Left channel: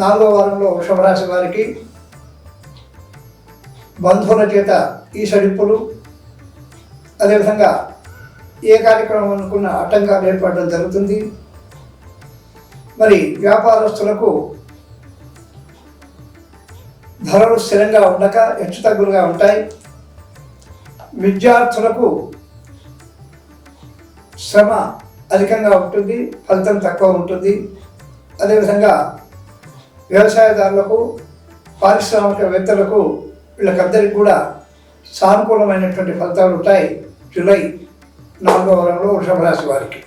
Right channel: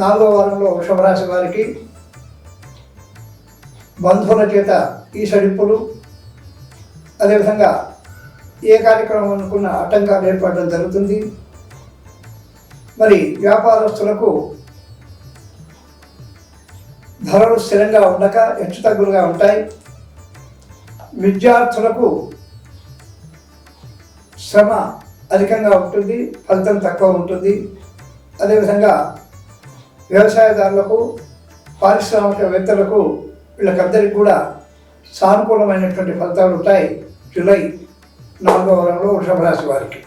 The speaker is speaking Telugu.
నాలుగో వారంలో వృషభ వారికి బంధువుల చేత ఈ సడిప్పులు అదేవిధంగా ఏ కార్యక్రమం అనుకున్న ఆటంకాలు ఏర్పడడం జరుగుతుంది. మరి వ్యాపారస్తులకు ధరలు స్థిరంగా ఉండక హెచ్చుతగ్గులుగా ఉంటాయి. విద్యార్థులకు శ్రమ అధికంగా ఉంటుంది ఫలితం తక్కువ ఉంటుంది. అదేవిధంగా వ్యవసాయదారులకు పారిశ్రామికవేత్తలకు వీళ్ళకందరికీ కూడా సానుకూలమైనటువంటి ఫలితాలు ఉంటాయి జూలై నాలుగో వారంలో వృషభ రాశి వారికి.